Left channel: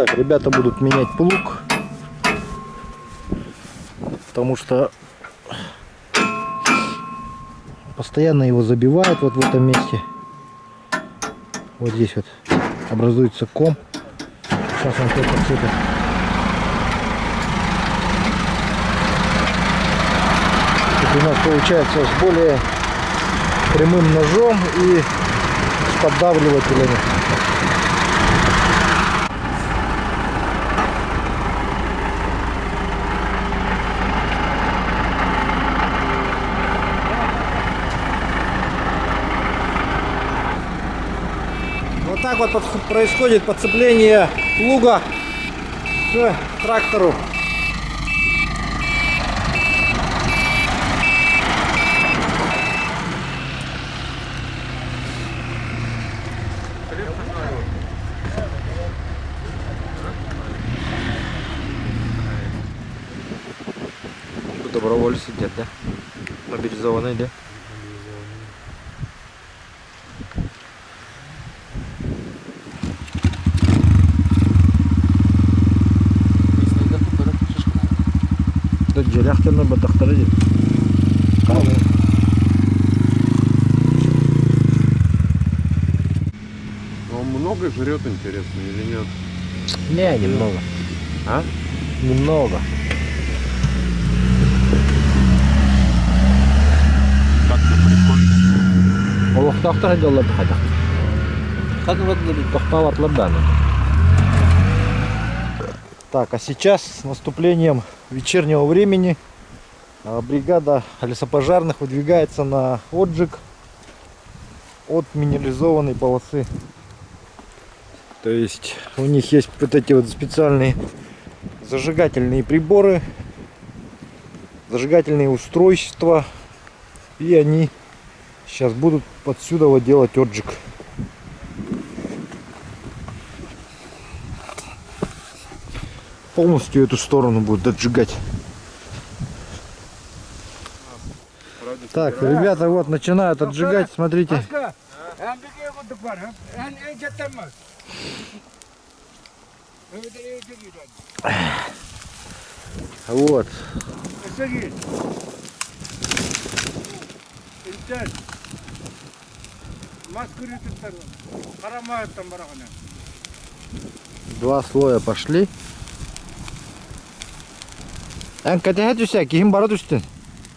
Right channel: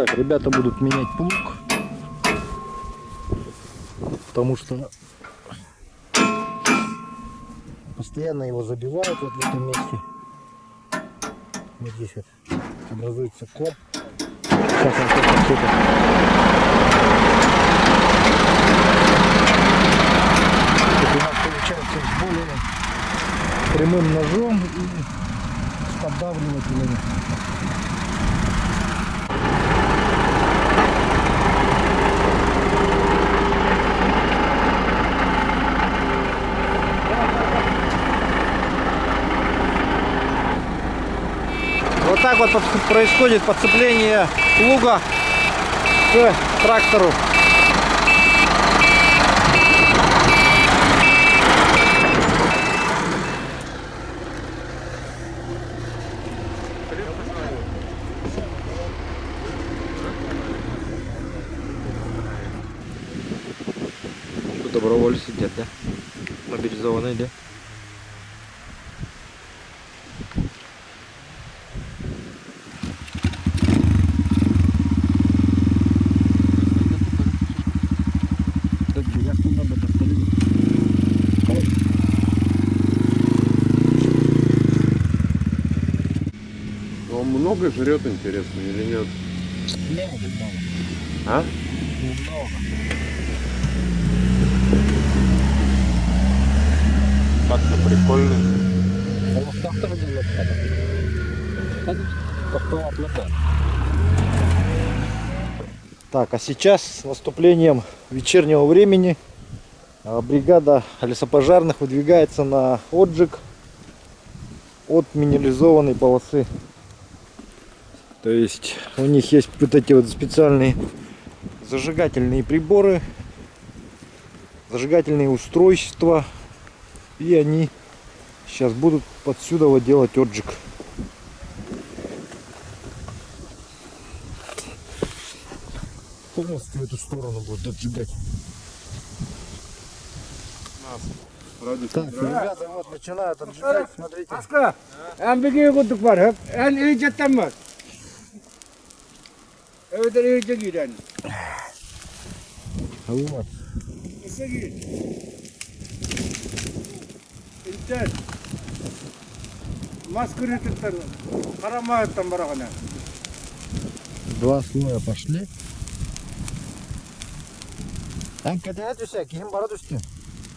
Так, ребята будут менять плуг, потому что постоянно его забивают вот в этом месте. Вот здесь вот образуется ком. Сейчас он все подсыпет. У нас получается с более прямым ножом и с поддавливателями. Вот так вот происходит подцепление плуга к трактору. Добровольцы сидят, да? Мобилизованные, да? Джеряхтаны бадахтары. Он много жрет, интересно, или нет? Не, немного. А? Немного. Так-то прикольно. Ол тахтар делать хада. Как вот тахтават ладан. Так, а сейчас с наступлением вечернего времени бригада лесопожарных выдвигается на отжиг от минерализованной полосы. То есть у них есть вот эти вот специальные зажигательные приборы, зажигательные устройства, и они сейчас будут отсюда вот делать отжиг. Полностью эту сторону будут отжигать. Так, ребята вот начинают отжигать, смотрите. Вот. Два слоя пошли. Катя, ким барат үстін?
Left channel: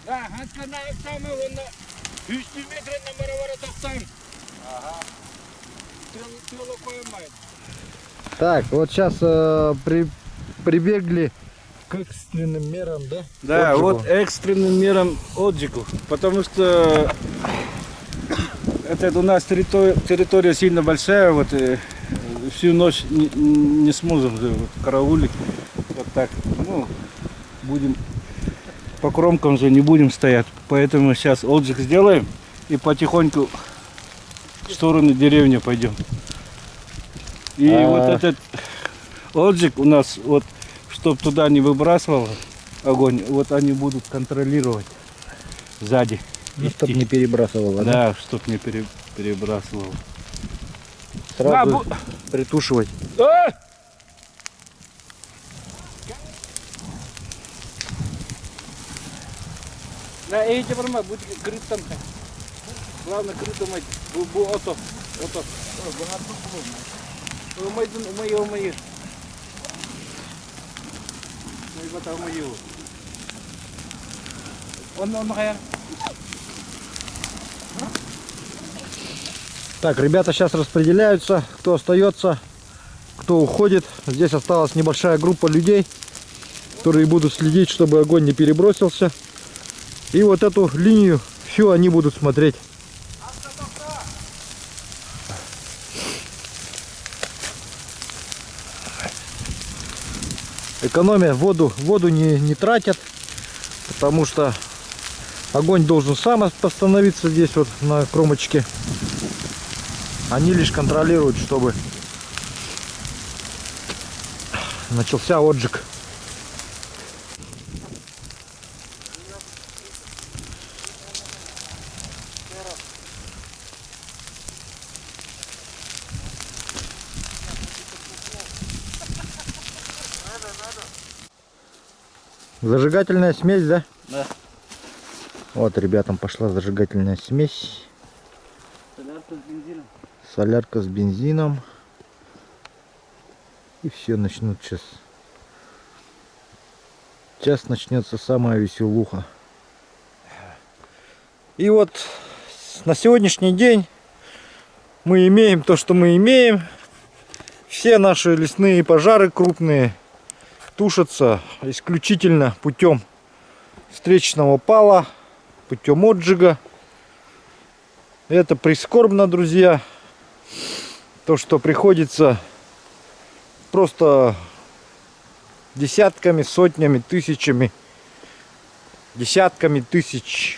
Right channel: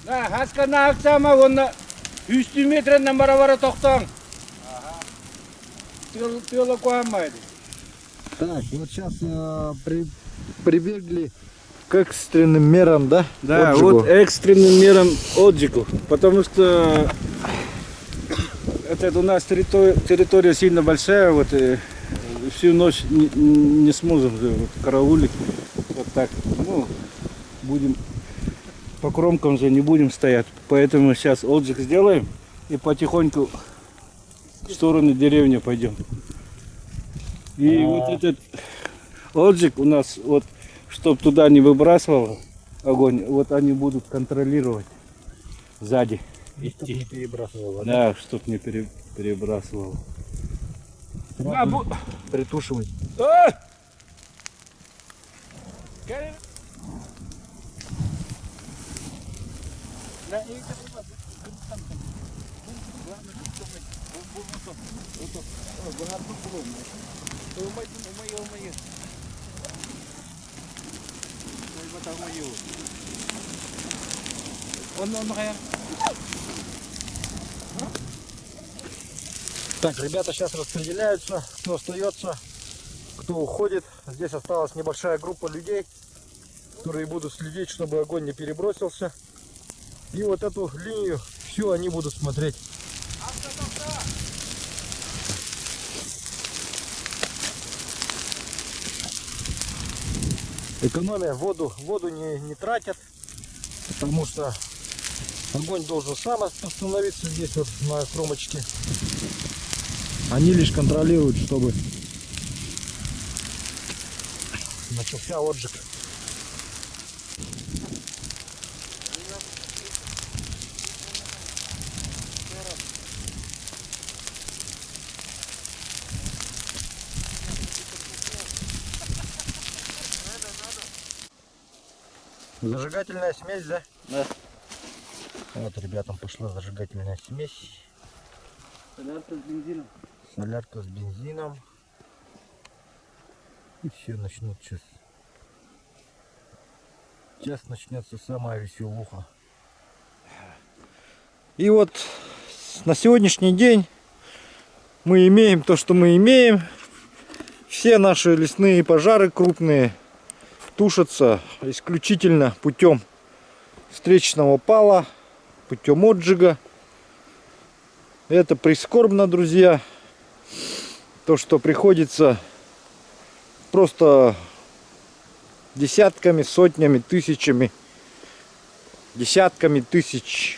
Хаскана аксама онна 100 метрден бара тоқтаң. Тыла қоймайды. Так, вот сейчас прибегли к экстренным мерам, да? Да, отжигу. вот экстренным мерам отжигу, потому что это у нас территория сильно большая, вот всю ночь не сможем вот, караулить, вот так, ну, будем по кромкам же не будем стоять, поэтому сейчас отжиг сделаем и потихоньку в сторону деревни пойдем. И вот этот отжиг у нас, вот, чтобы туда не выбрасывал огонь, вот они будут контролировать сзади. Ну, чтобы не перебрасывало, да? Да, чтобы не перебрасывал. Сразу притушивать. На эти формы будет крытом. Главное крытом bu oto. Bunlar bu. Umayı. May bata umayı. Onu kaya. Так, ребята сейчас распределяются, кто остается, кто уходит. Здесь осталась небольшая группа людей, которые будут следить, чтобы огонь не перебросился. И вот эту линию всю они будут смотреть. Экономия, воду не тратят, потому что огонь должен сам остановиться здесь вот на кромочке. Они лишь контролируют, чтобы начался отжиг. Зажигательная смесь, да? Да. Вот ребятам пошла зажигательная смесь. Солярка с бензином. Солярка с бензином. И все начнут сейчас. Сейчас начнется самая веселуха. И вот на сегодняшний день мы имеем то, что мы имеем. Все наши лесные пожары крупные тушатся исключительно путем встречного пала, путем отжига. Это прискорбно, друзья. То, что приходится просто десятками, сотнями, тысячами, десятками тысяч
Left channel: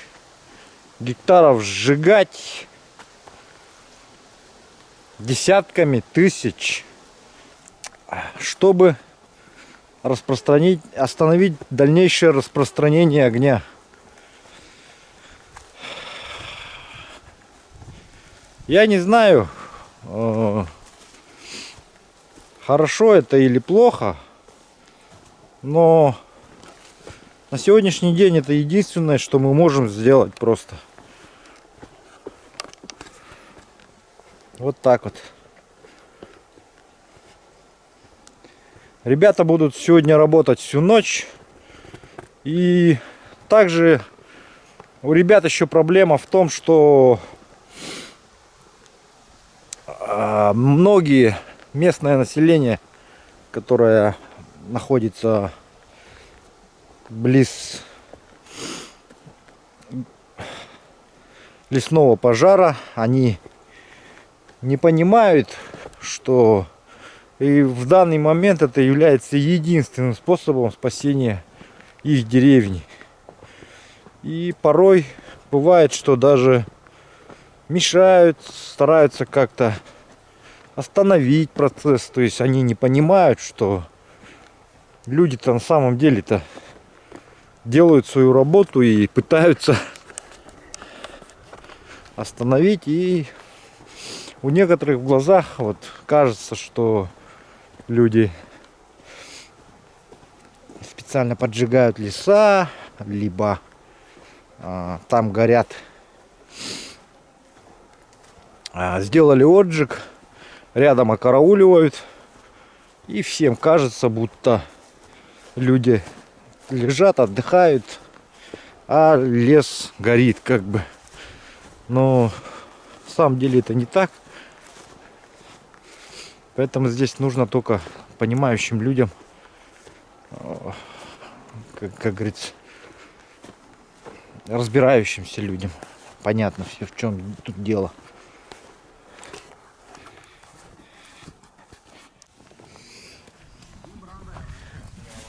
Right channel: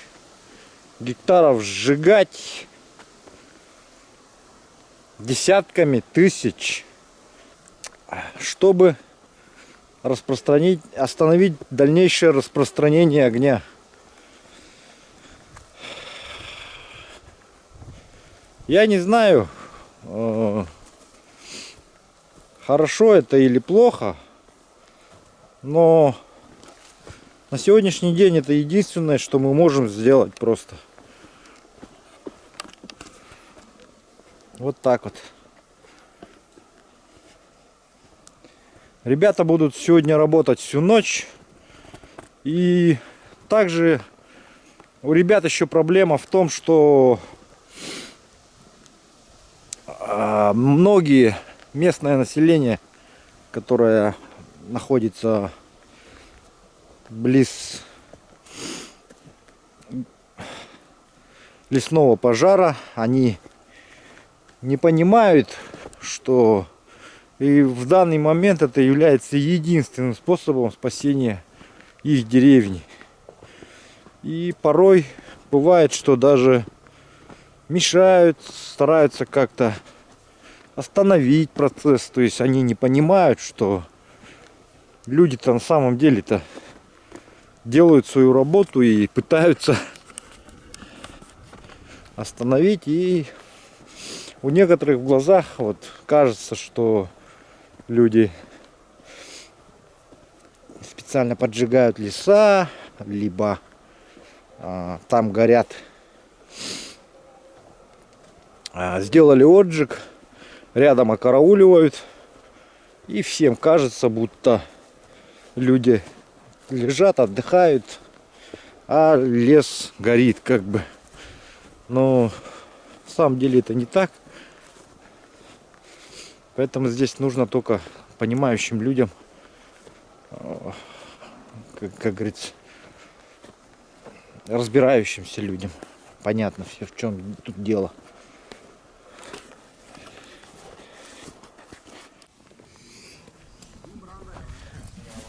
гектаров сжигать, десятками тысяч, чтобы остановить дальнейшее распространение огня. Я не знаю, хорошо это или плохо, но на сегодняшний день это единственное, что мы можем сделать просто. Вот так вот. Ребята будут сегодня работать всю ночь. И также у ребят еще проблема в том, что многие местное население, которое находится близ лесного пожара, они не понимают, что и в данный момент это является единственным способом спасения их деревни. И порой бывает, что даже мешают, стараются как-то остановить процесс. То есть они не понимают, что люди-то на самом деле-то делают свою работу и пытаются остановить. И у некоторых в глазах вот кажется, что люди специально поджигают леса, либо там горят, сделали отжиг, рядом окарауливают, и всем кажется, будто люди лежат, отдыхают, а лес горит как бы. Но на самом деле это не так. Поэтому здесь нужно только понимающим людям, как говорится, разбирающимся людям. Понятно все, в чем тут дело.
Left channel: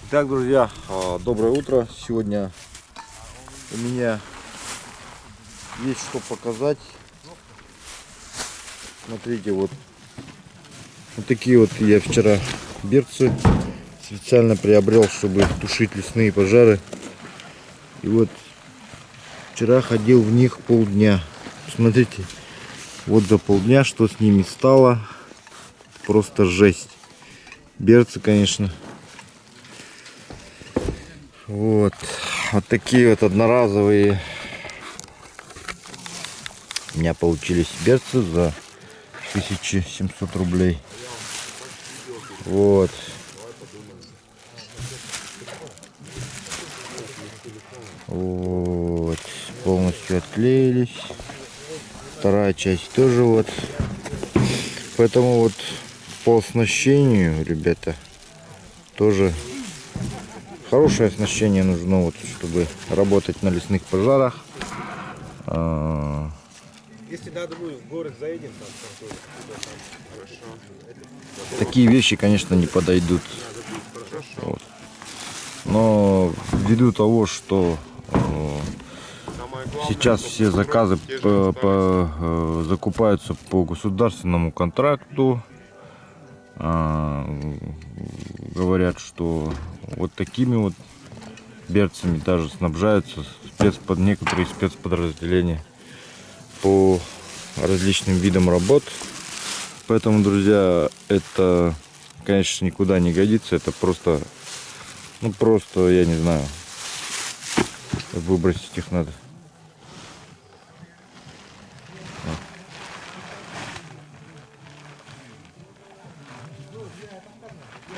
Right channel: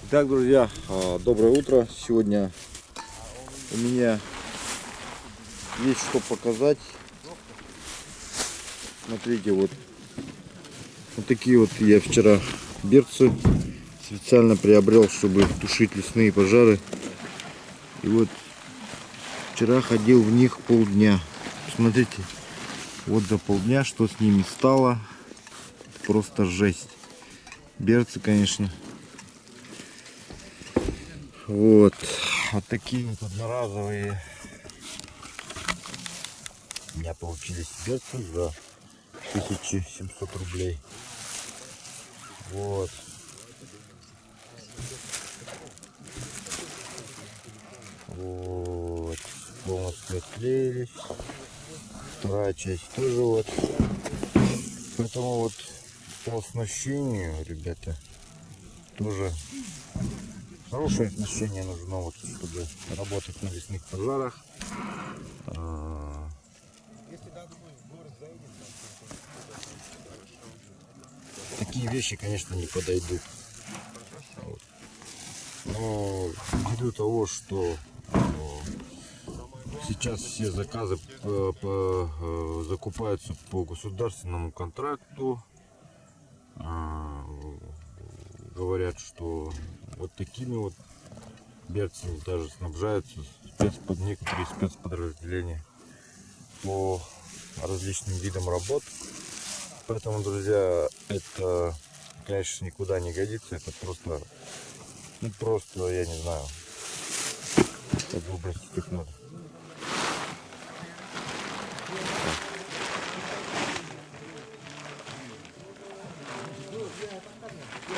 Итак, друзья, доброе утро. Сегодня у меня есть что показать. Смотрите, вот такие вот я вчера берцы специально приобрел, чтобы тушить лесные пожары. И вот вчера ходил в них полдня. Смотрите, вот за полдня что с ними стало. Просто жесть. Берцы, конечно. Вот такие вот одноразовые у меня получились берцы за 1700 рублей. Вот. Вот. Полностью отклеились. Вторая часть тоже вот. Поэтому вот по оснащению, ребята, тоже хорошее оснащение нужно, вот, чтобы работать на лесных пожарах. Если надо будет в город заедем, там Такие вещи, конечно, не подойдут. Вот. Но ввиду того, что сейчас все заказы закупаются по государственному контракту, говорят, что вот такими вот берцами даже снабжаются некоторые спецподразделения по различным видам работ. Поэтому, друзья, это, конечно, никуда не годится. Это просто, я не знаю, Выбросить их надо.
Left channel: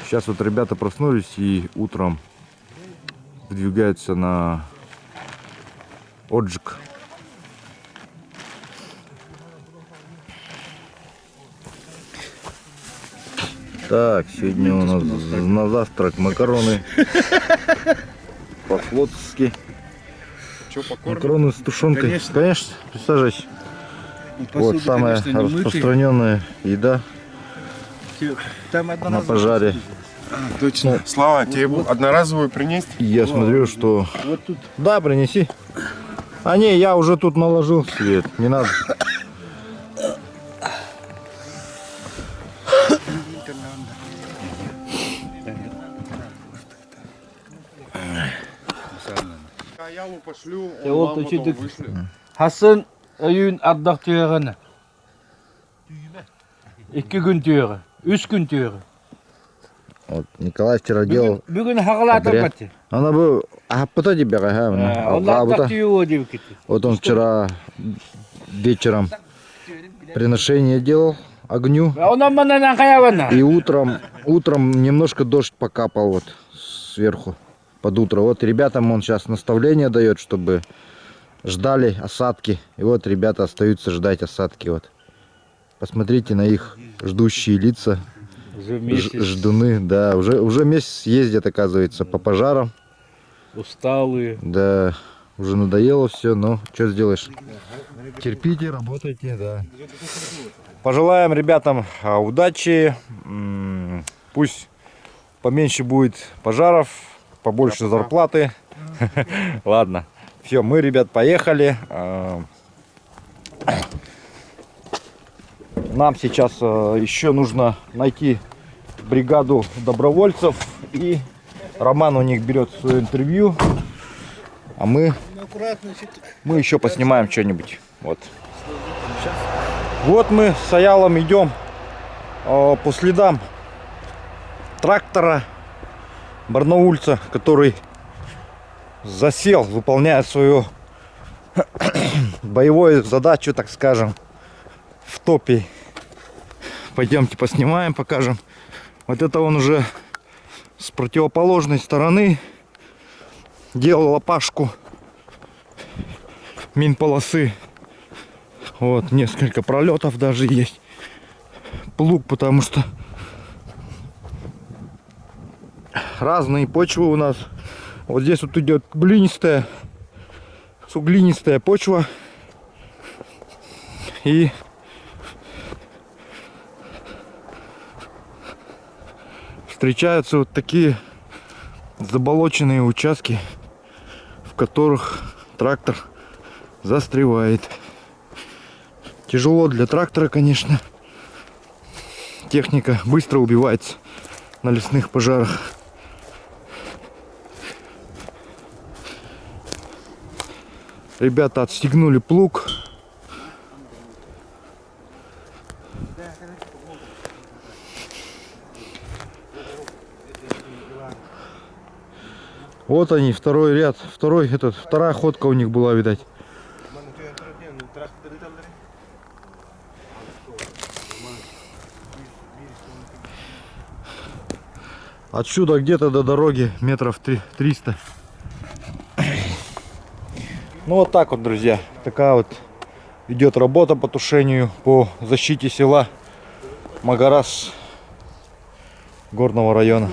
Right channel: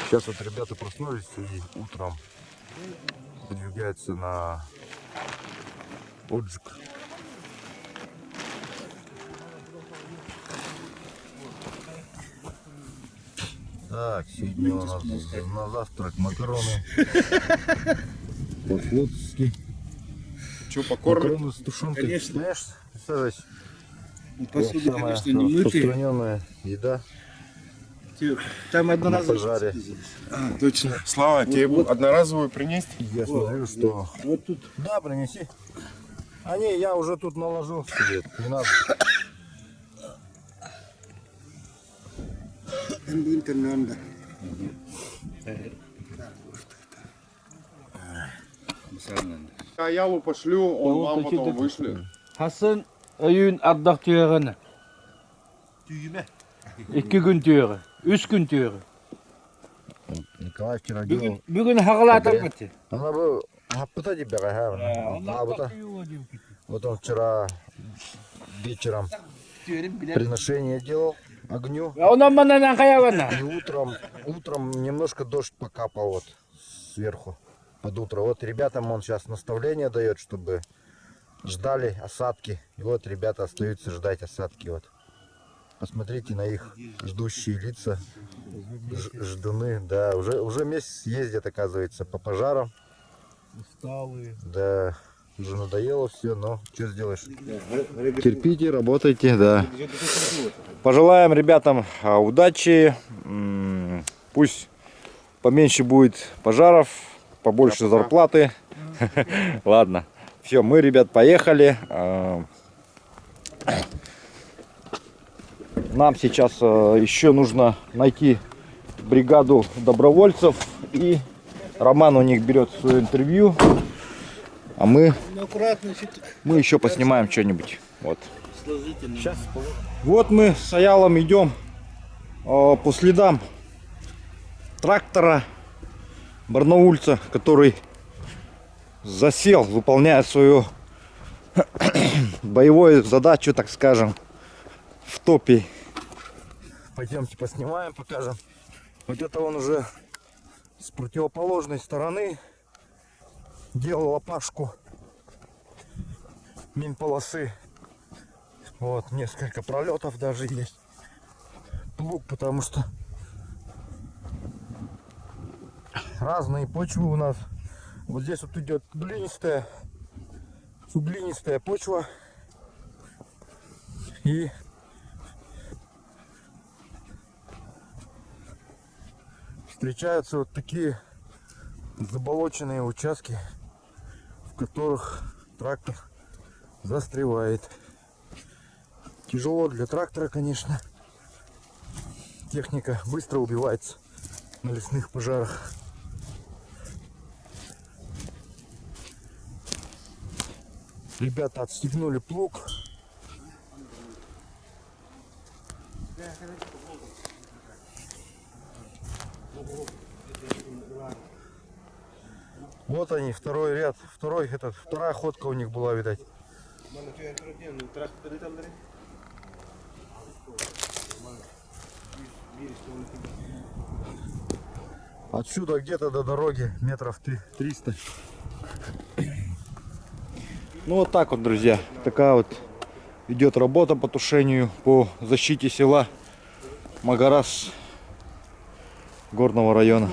Сейчас вот ребята проснулись и утром выдвигаются на отжиг. Так, сегодня у нас на завтрак макароны по-флотски. Что, покормим? Макароны с тушенкой. Конечно, присаживайся. Вот самая распространенная еда Там на пожаре. Точно. Слава, тебе одноразовую принести? И я смотрю, что... Вот тут. Да, принеси. А не, я уже тут наложил свет, не надо. А Ялу пошлю, Я он вот вам потом учитель- вышлет. Хасын өйін ардақ түйеріні. 2 күн түйері, 3 күн түйері. Вот Николай вчера делал. Бүгін хағылатыр Подряд. бәтті. Она бы... А потом тебя, Ол ардақ түйе деп кетті. Вот он вчера вечером приношение делал огню. Онан манан қаявана. И утром немножко дождь покапал вот сверху под утро. Вот ребятам он сейчас наставление дает, чтобы ждали осадки. И вот ребята остаются ждать осадки. Вот. Посмотрите на их ждущие лица. Ждуны, да. Уже месяц ездят, оказывается, по пожарам. Усталые. Да, уже надоело все, но что сделаешь? Терпите, работайте, да. Пожелаем ребятам удачи. Пусть поменьше будет пожаров, побольше зарплаты. Ладно. Все, мы, ребят, поехали. Нам сейчас еще нужно найти бригаду добровольцев. И Роман у них берет свое интервью. А мы еще поснимаем что-нибудь. Вот. Вот мы с Аялом идем по следам трактора барнаульца, который засел, выполняя свою боевую задачу, так скажем, в топе. Пойдемте поснимаем, покажем. Вот это он уже с противоположной стороны делал лопашку минполосы. Вот несколько пролетов даже есть. Плуг, потому что разные почвы у нас. Вот здесь вот идет глинистая, суглинистая почва. И встречаются вот такие заболоченные участки, в которых трактор застревает. Тяжело для трактора, конечно. Техника быстро убивается на лесных пожарах. Ребята отстегнули плуг. Вот они, второй ряд, вторая ходка у них была, видать. Отсюда где-то до дороги метров 300. Ну вот так вот, друзья, такая вот идет работа по тушению, по защите села Магарас горного района.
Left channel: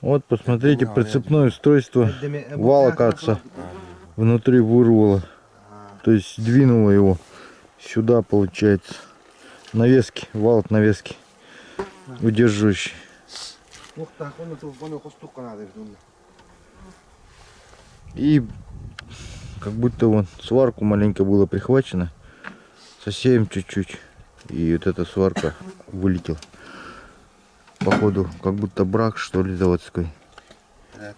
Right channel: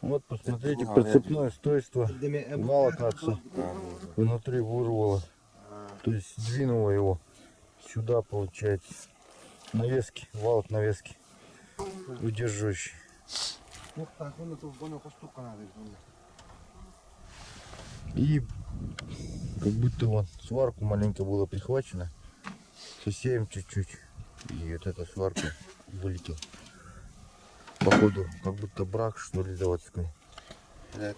Вот, посмотрите, прицепное устройство вала, кажется, внутри вырвало. То есть двинуло его сюда, получается. Навески, вал от навески, удерживающий. И как будто вон сварку маленько было прихвачено, совсем чуть-чуть. И вот эта сварка вылетела. Походу, как будто брак, что ли, заводской.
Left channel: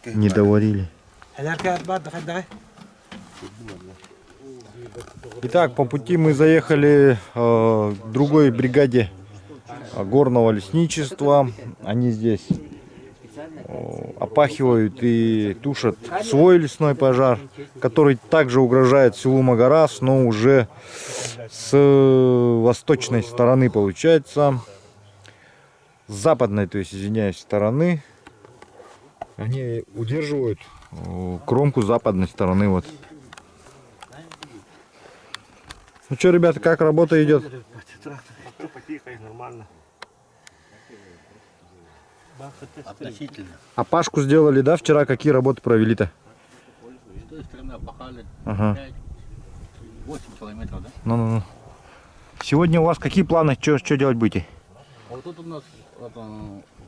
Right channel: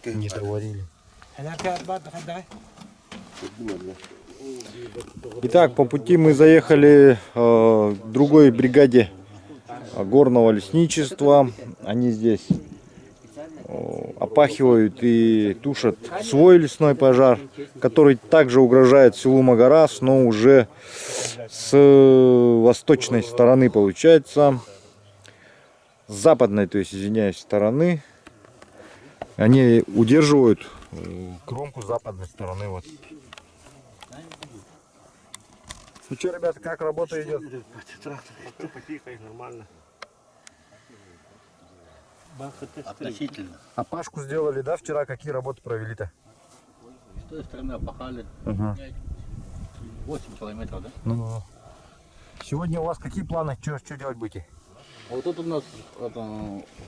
Не доварили. Итак, по пути мы заехали к другой бригаде горного лесничества. Они здесь опахивают и тушат свой лесной пожар, который также угрожает селу Магарас, но уже с восточной стороны получается, с западной, то есть, извиняюсь, стороны. Они удерживают кромку западной стороны. Вот. Ну что, ребята, как работа идет? Нормально. Относительно. А пашку сделали, да? Вчера какие работы провели-то? С той стороны опахали Ага. 8 километров, да? Ну. Сегодня у вас какие планы? Что делать будете? А вот тут у нас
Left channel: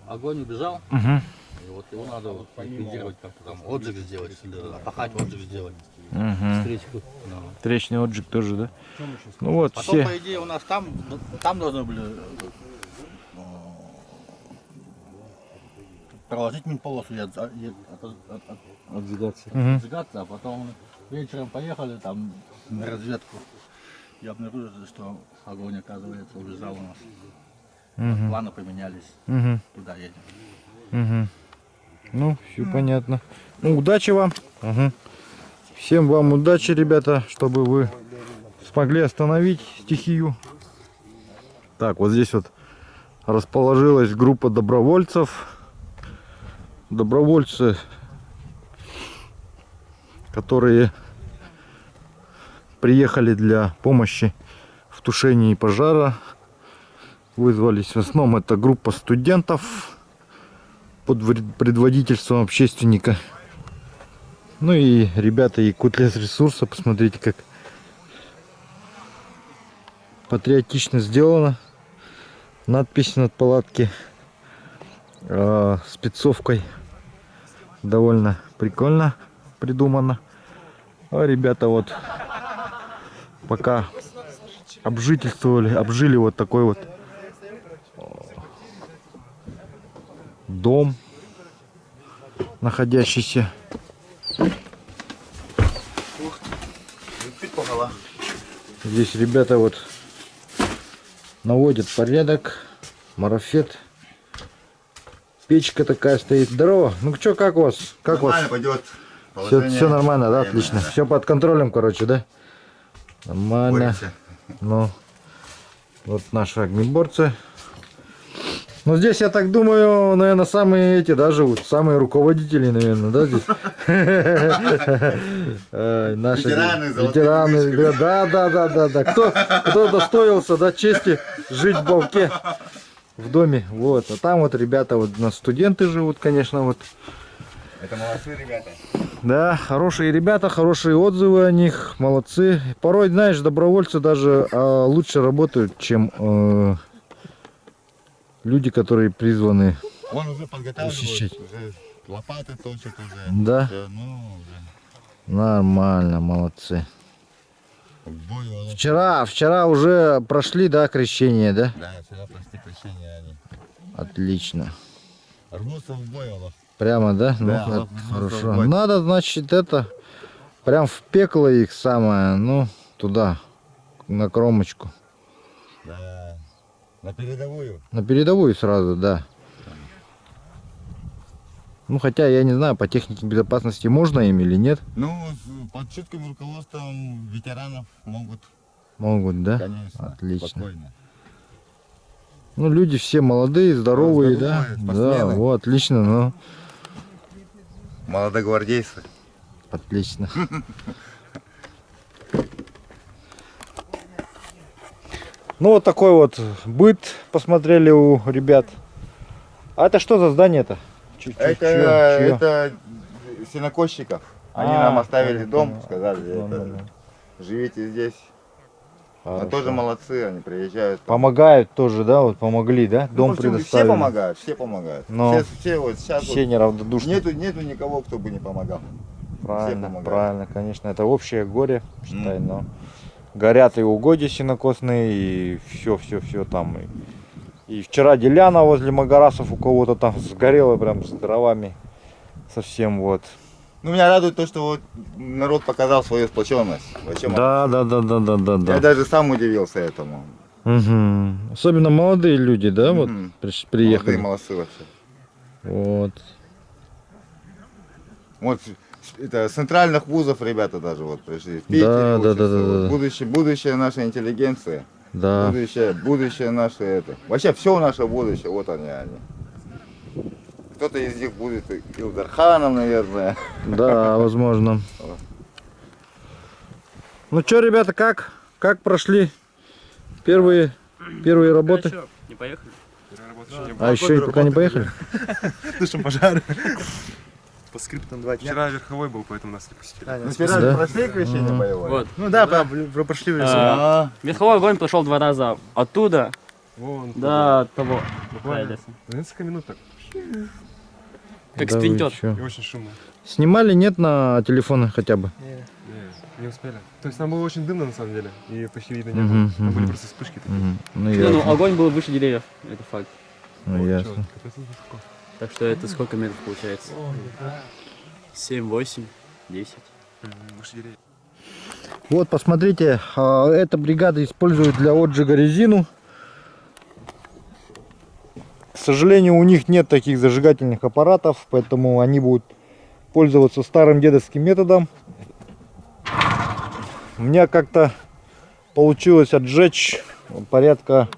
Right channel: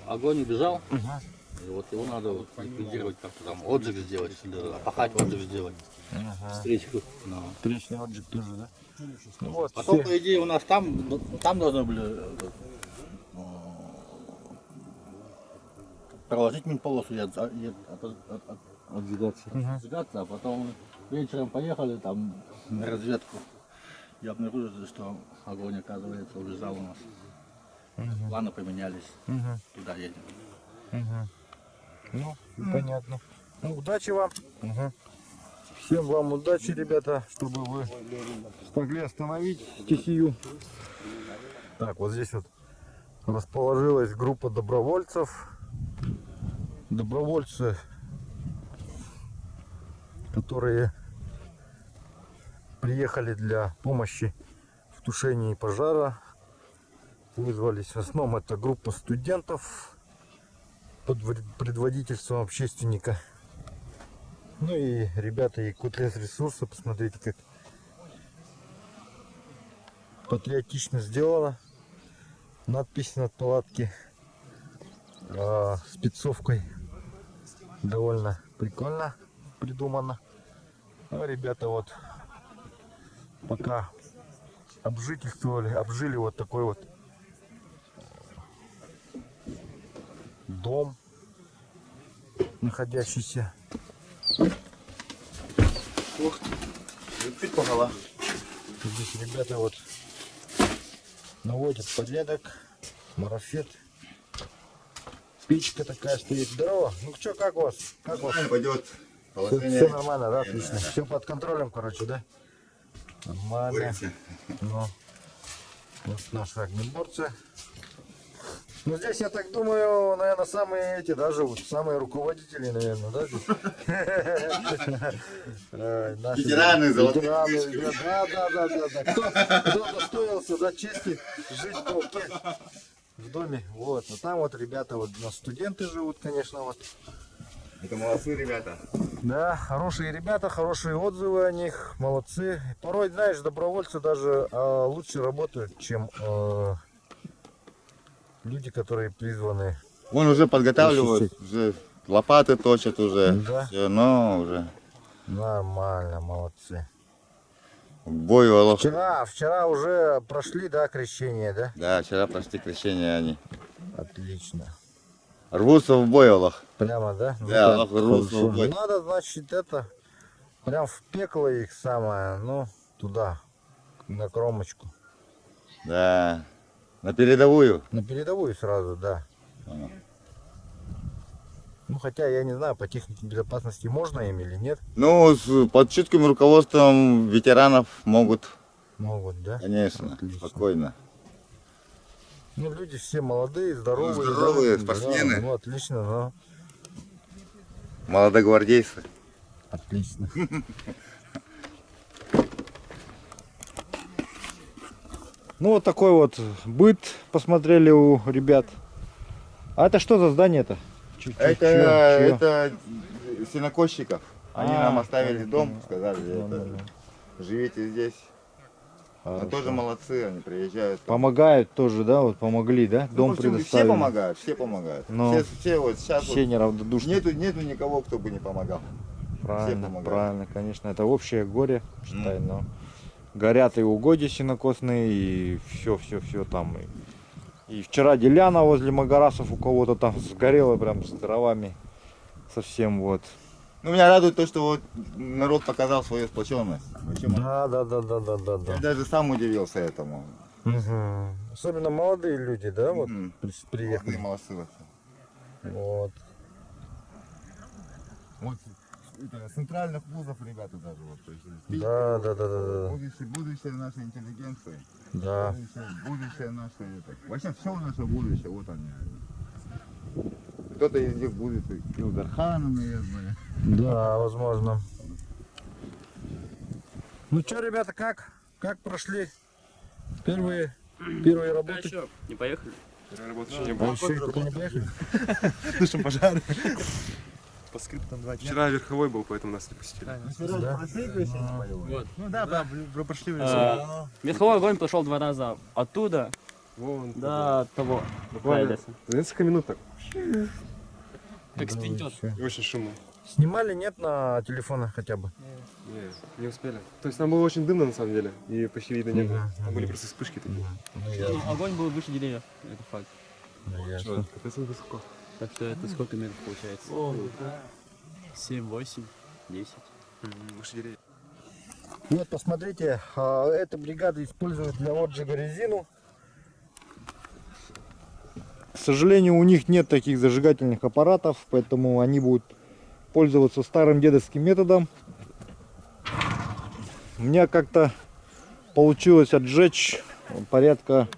огонь убежал, Угу. и вот его надо ликвидировать, как-то там отжиг сделать, или опахать отжиг сделать. Встречку. Ну. Встречный отжиг тоже, да? Ну вот, Потом, все. по идее, у нас там должны были проложить минполосу и отжигаться. Отжигаться, а потом вечером поехали там на разведку. И обнаружили, что огонь, оказывается, убежал у нас. Планы поменялись. Угу. Туда едем. Угу. Ну, все понятно. Ну, удачи вам. Угу. Всем вам удачи, ребята, чтобы вы смогли остановить стихию. Так, вот здесь вот расположилась группа добровольцев. Добровольцы, которые приехали для помощи в тушении пожара. Вызвались. В основном это группа студентов под предводительством общественника. Ну и ребята Якутлесресурса, посмотрите, как патриотично сделано. Надпись над палатки спецовкой. Довольно прикольно придумано. А ребята вот пока обжили вот такой вот дом, находящийся. Здесь ребята вот наводят порядок. Марафет. Печка такая стоит. Здорово. Ну что, как у вас? Как Нормально вас? пойдет. Все нормально, да? Отлично. Все под контролем, короче, да? Нормально. Боремся. Ну, вот наши огнеборцы. Ну, здесь, я так думаю, наверное, самые эти, да, живут. Самые руководители, наверное, да, здесь? Наши Ветераны, золотые ветераны, книжки. да. Кто достоился, да, чести жить в Бавке, в доме. Вот. А там вот ребята, вот у нас студенты живут, конечно, вот. Это молодцы ребята. Да, хорошие ребята, хорошие отзывы о них, молодцы. Порой, знаешь, добровольцы даже лучше работают, чем люди, которые призваны. Он уже подготавливает, Защищать. уже лопаты точат уже. Да? Все, но уже Нормально, молодцы. к бою Олов. Вчера уже прошли, да, крещение, да? Да, вчера прошли крещение они. Отлично. Рвутся в бой, Олах. Прямо, да? Ну, Да, так, Аллах рвутся хорошо. в бой. Надо, значит, это прям в пекло их самое, ну, туда, на кромочку. Да. На передовую. На передовую сразу, да. Ну, хотя, я не знаю, по технике безопасности можно им или нет. Ну, под чутким руководством ветеранов могут, Могут, да? конечно, Отлично. спокойно. Ну, люди все молодые, здоровые, Здоровые, да? спортсмены. Да, вот, отлично, ну, Молодогвардейцы. отлично. Ну, вот такой вот быт посмотрели у ребят. А это что за здание-то? Это сенокосчиков. Они нам оставили дом, понял. сказали, Ну, это, ну, ну. живите здесь. Но Хорошо. тоже молодцы, они приезжают. Помогают тоже, да? Вот помогли, да? Ну, Дом в общем, предоставили. все помогают, все помогают. Но Все вот сейчас все неравнодушны. нету никого, кто бы не помогал. Правильно, помогают. правильно, конечно. Это общее горе, считай, но горят и угодья сенокосные, и все там. И вчера деляна возле Магарасов у кого-то там сгорела прям с дровами совсем вот. Ну, меня радует то, что вот народ показал свою сплоченность. Зачем? Да. Я даже сам удивился этому. Мгм. Особенно молодые люди, да, вот Мгм. приехали. Молодые молодцы вообще. Вот. Вот это, с центральных вузов ребята даже вот пришли. В Питере Да, учатся. да, Вот. да. Будущее нашей интеллигенции. Да. Будущее наше это. Вообще все наше будущее, вот они. Кто-то из них будет Илдарханом, наверное. Да, возможно. Ну что, ребята, как прошли первые работы? Еще не поехали? А еще пока не поехали? Тушим пожары. По скриптам 2 часа. Вчера верховой был, поэтому нас не пустили. Да? Прошли крещение боевое? Вот. Ну да, прошли в лесу. Верховой огонь прошел 2 раза оттуда Вон. до того. края леса. За несколько минут так. Как Да вы спринтер. чё? И очень шумно. Снимали, нет, на телефоны хотя бы? Не успели. То есть там было очень дымно на самом деле. И почти видно не было. Там были просто вспышки такие. Ну, Не, ясно. ну огонь был выше деревьев, это факт. Ну, ясно. Капец, он высоко. Так что это сколько метров получается? 7, 8, 10. Выше деревьев. Вот, посмотрите, эта бригада использует для отжига резину. К сожалению, у них нет таких зажигательных аппаратов, поэтому они будут пользоваться старым дедовским методом. У меня как-то получилось отжечь порядка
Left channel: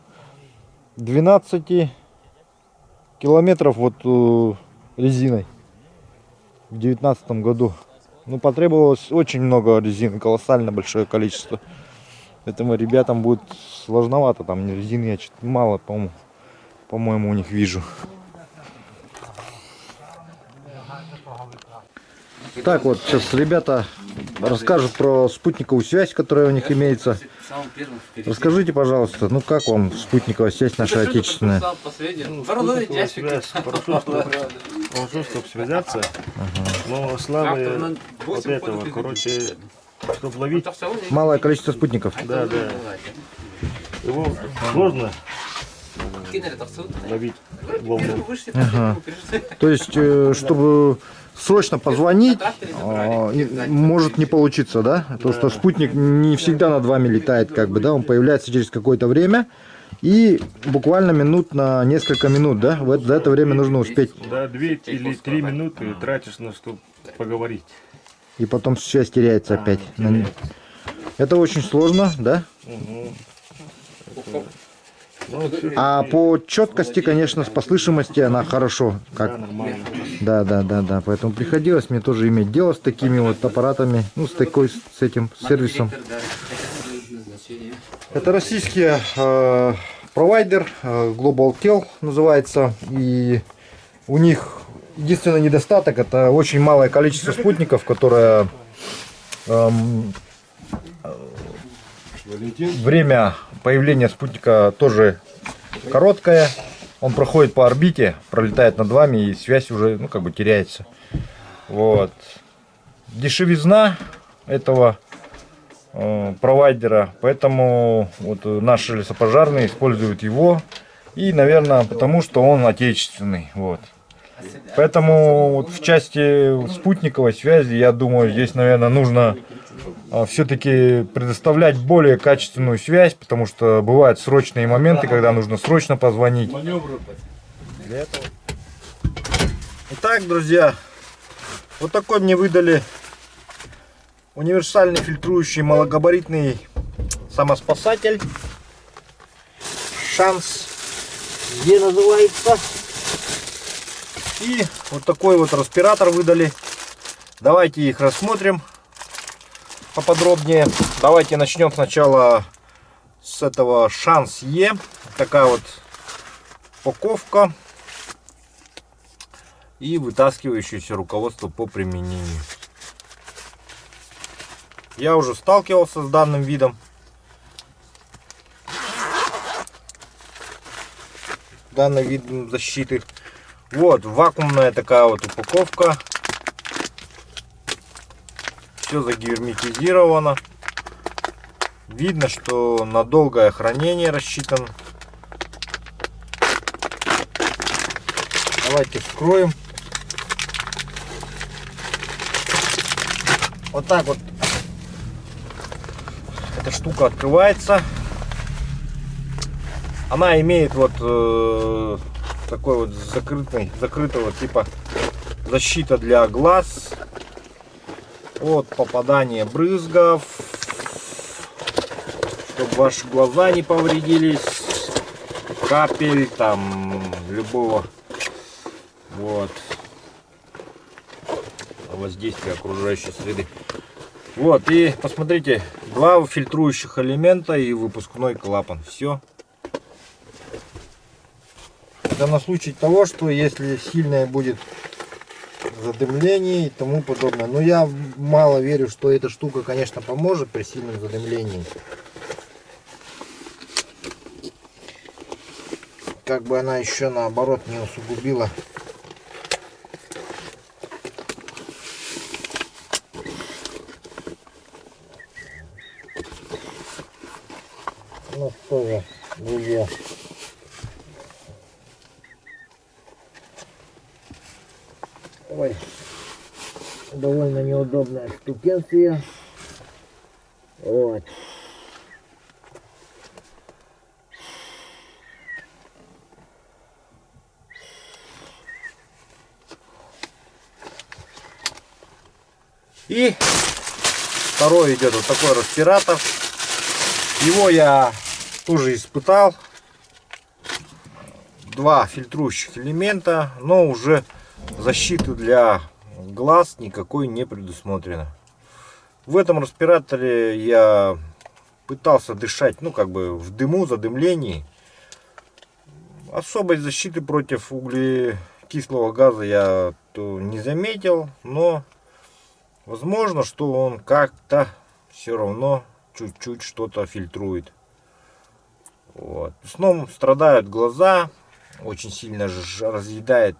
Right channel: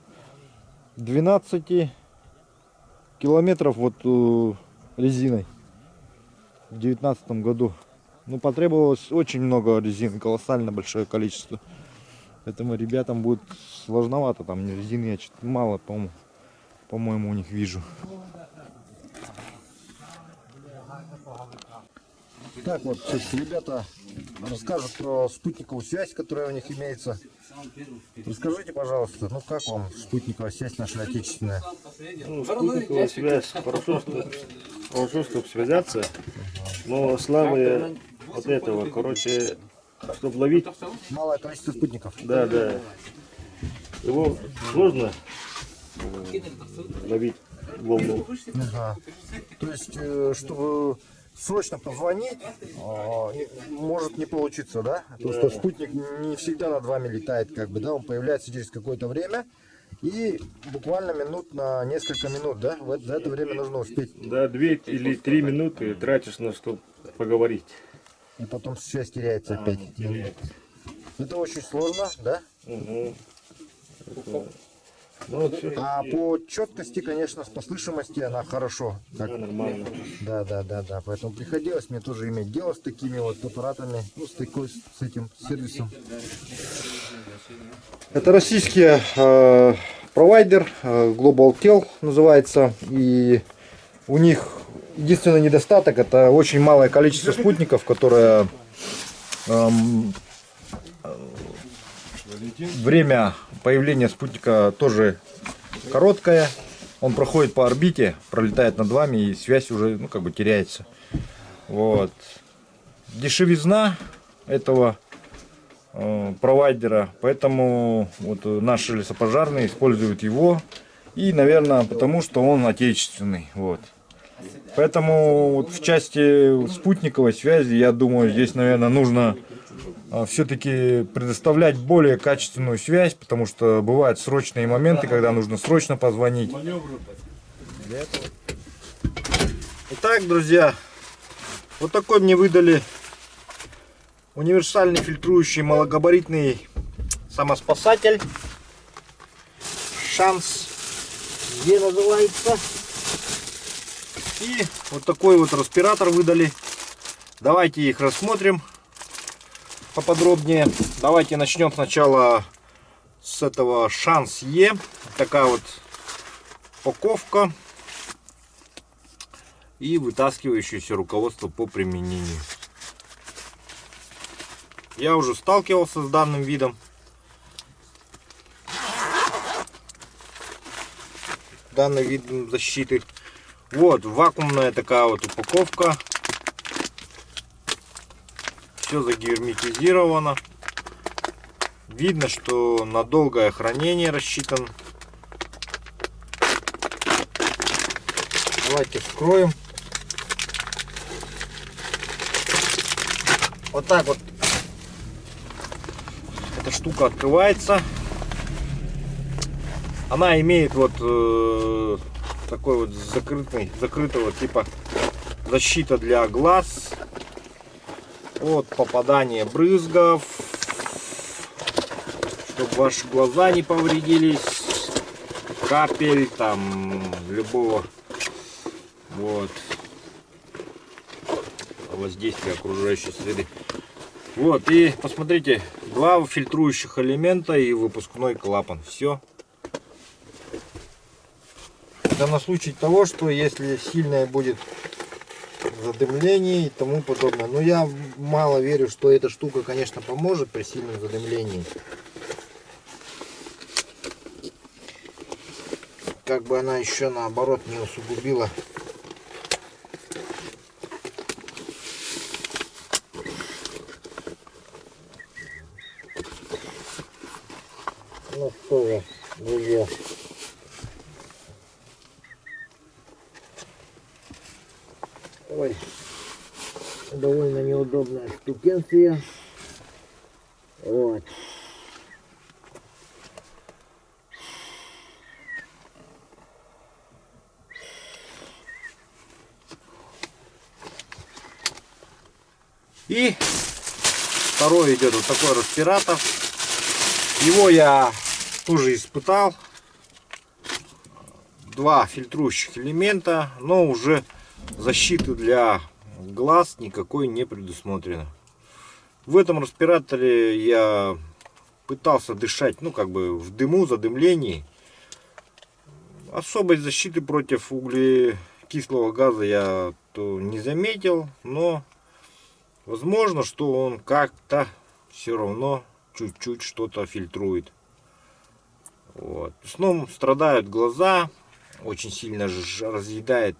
12 километров вот резиной в 2019 году. Ну, потребовалось очень много резины, колоссально большое количество. Поэтому ребятам будет сложновато. Там резины я чуть мало, по-моему, у них вижу. Так вот, сейчас ребята расскажут про спутниковую связь, которая у них имеется. Расскажите, пожалуйста, ну как вам спутниковая связь наша отечественная? Спутниковая связь, хорошо, чтобы связаться, но слабые вот этого, короче, чтобы ловить, Малое количество спутников. да, его сложно ловить волну. То есть, чтобы срочно позвонить, может не получиться, да? То, что спутник не всегда над вами летает, как бы, да? Он появляется через какое-то время и буквально на несколько минут, да? За это время нужно успеть. Да, 2 или 3 минуты тратишь на что поговорить. И потом связь теряется опять. Это очень сложно, да? Ну, всё, А по четкости, конечно, по слышимости она хорошо. да, нормально. Да. Поэтому приходилось мне тоже иметь дело с такими вот аппаратами, ну, с этим сервисом. Это российский провайдер, GlobalTel называется. И у них единственный недостаток — это очень малое количество спутников, которое время появления спутника тоже короткое. Он проходит по орбите, пролетает над вами, и связь уже, ну, как бы теряется. Вот. Дешевизна этого провайдера, поэтому вот наши лесопожарные используют его. И, наверное, потому что он отечественный. Вот. Поэтому вот в части спутниковой связи, я думаю, здесь, наверное, нужно все-таки предоставлять более качественную связь, потому что бывают срочные моменты, когда нужно срочно позвонить. Итак, друзья, вот такой мне выдали универсальный фильтрующий малогабаритный самоспасатель. Шанс Е называется. И вот такой вот респиратор выдали. Давайте их рассмотрим поподробнее. Давайте начнем сначала с этого Шанс Е. Такая вот упаковка и вытаскивающееся руководство по применению. Я уже сталкивался с данным видом. Данный вид защиты. Вот вакуумная такая вот упаковка. Все загерметизировано. Видно, что на долгое хранение рассчитан. Давайте вскроем. Вот так вот эта штука открывается. Она имеет вот такой вот закрытого типа защита для глаз от попадания брызгов, чтобы ваши глаза не повредились, капель, там, любого вот воздействия окружающей среды. Вот, и посмотрите, 2 фильтрующих элемента и выпускной клапан. Все. Это на случай того, что если сильное будет задымление и тому подобное. Но я мало верю, что эта штука, конечно, поможет при сильном задымлении. Как бы она еще наоборот не усугубила. Ну что же, друзья. Ой, довольно неудобная штукенция. Вот. И второй идет вот такой респиратор. Его я тоже испытал. 2 фильтрующих элемента, но уже защиты для глаз никакой не предусмотрено. В этом респираторе я пытался дышать, ну как бы в дыму, задымлении. Особой защиты против углекислого газа я не заметил, но возможно, что он как-то все равно чуть-чуть что-то фильтрует. Вот. В основном страдают глаза, очень сильно разъедает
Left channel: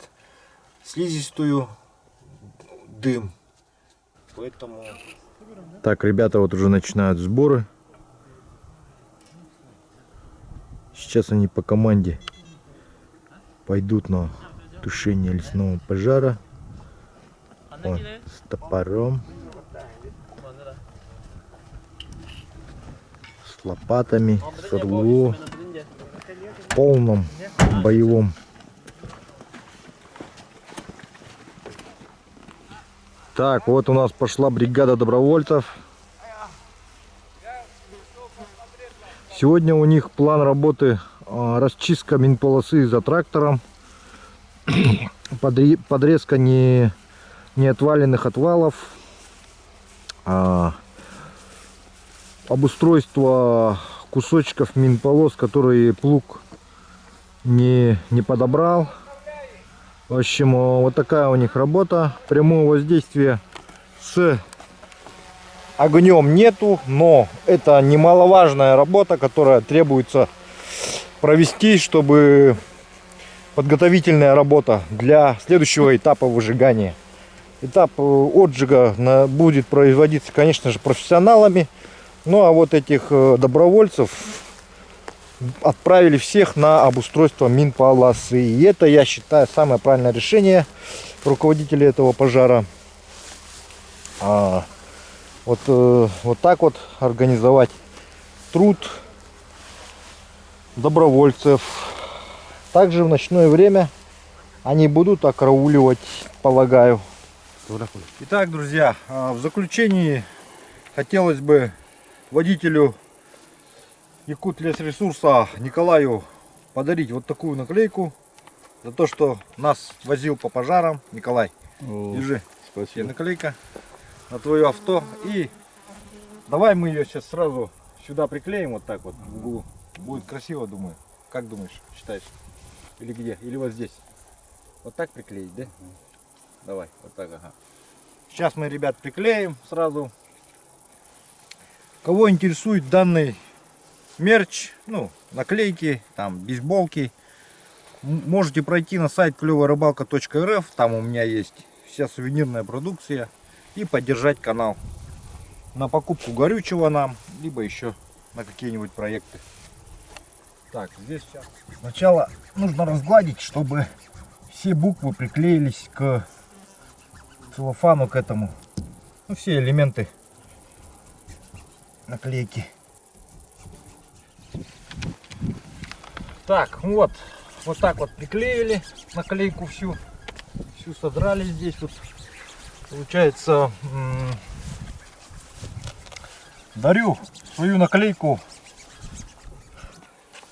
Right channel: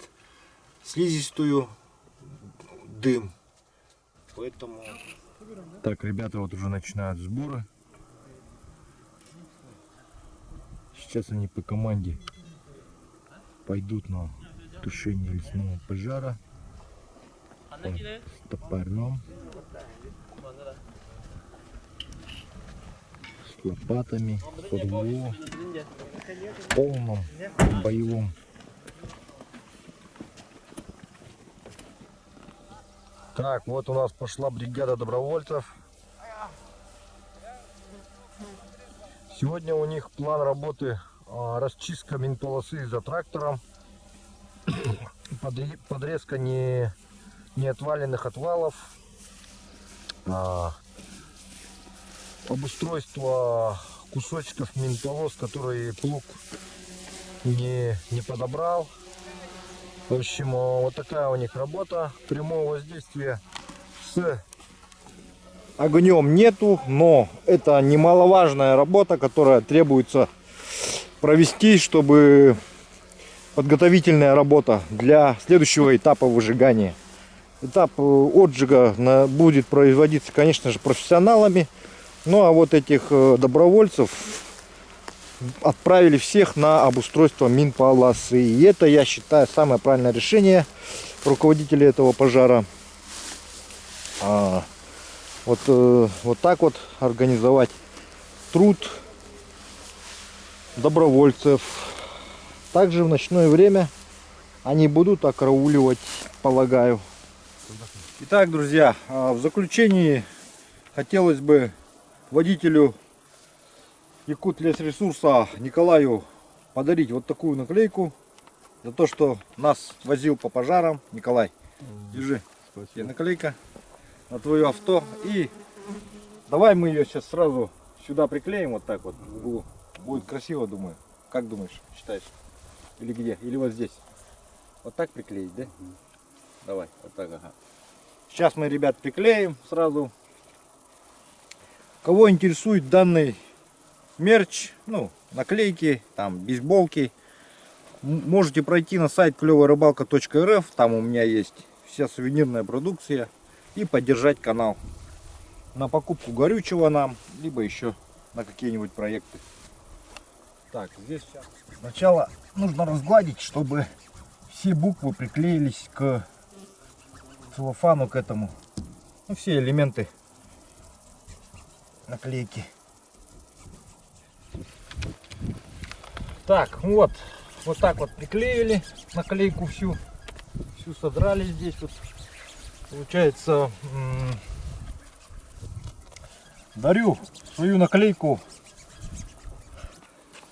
слизистую дым. Поэтому... Так, ребята вот уже начинают сборы. Сейчас они по команде пойдут на тушение лесного пожара. Вот, с топором, с лопатами, с руло, в полном боевом. Так, вот у нас пошла бригада добровольцев. Сегодня у них план работы расчистка минполосы за трактором, подрезка неотваленных отвалов, обустройство кусочков минполос, которые плуг не подобрал. В общем, вот такая у них работа. Прямого воздействия с огнем нету, но это немаловажная работа, которая требуется провести, чтобы подготовительная работа для следующего этапа выжигания. Этап отжига будет производиться, конечно же, профессионалами. Ну а вот этих добровольцев отправили всех на обустройство минполосы. И это, я считаю, самое правильное решение руководителей этого пожара. Вот так вот организовать труд добровольцев. Также в ночное время они будут окарауливать, полагаю. Итак, друзья, в заключении хотелось бы водителю Якутлесресурса Николаю подарить вот такую наклейку за то, что нас возил по пожарам. Николай, держи. Спасибо. Наклейка на твое авто. И давай мы ее сейчас сразу сюда приклеим, вот так вот в углу. Будет красиво, думаю. Как думаешь, считаешь? Или где? Или вот здесь? Вот так приклеить, да? Давай, вот так, ага. Сейчас мы, ребят, приклеим сразу. Кого интересует данный мерч, ну, наклейки, там, бейсболки, можете пройти на сайт клёвая-рыбалка.рф. Там у меня есть вся сувенирная продукция. И поддержать канал на покупку горючего нам, либо еще на какие-нибудь проекты. Так, здесь сейчас сначала нужно разгладить, чтобы все буквы приклеились к целлофану, к этому. Ну, все элементы наклейки. Так, вот так вот приклеили наклейку всю содрали здесь. Вот получается дарю свою наклейку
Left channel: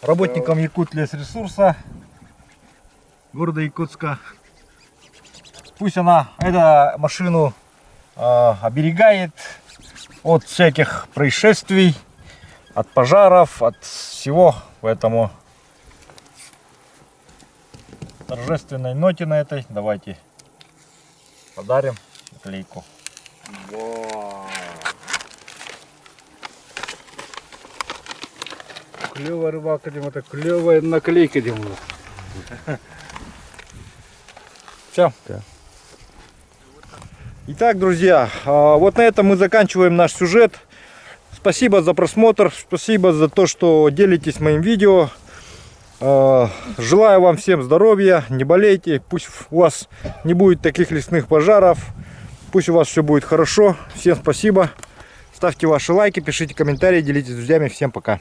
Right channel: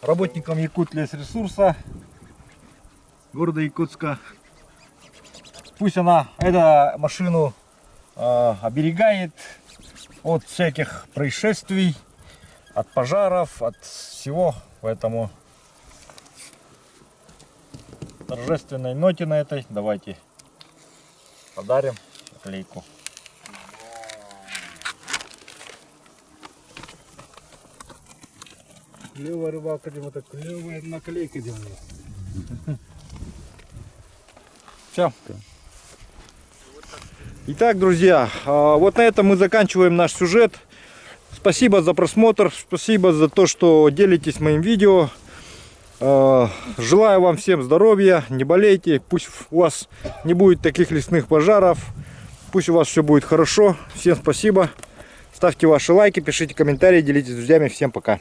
работникам Якутлесресурса города Якутска. Пусть эта машину оберегает от всяких происшествий, от пожаров, от всего. Поэтому торжественной ноте на этой давайте подарим наклейку. Клевая рыбалка, Дима, это клевая наклейка, Дима. Все. Итак, друзья, вот на этом мы заканчиваем наш сюжет. Спасибо за просмотр, спасибо за то, что делитесь моим видео. Желаю вам всем здоровья, не болейте, пусть у вас не будет таких лесных пожаров, пусть у вас все будет хорошо. Всем спасибо, ставьте ваши лайки, пишите комментарии, делитесь с друзьями. Всем пока.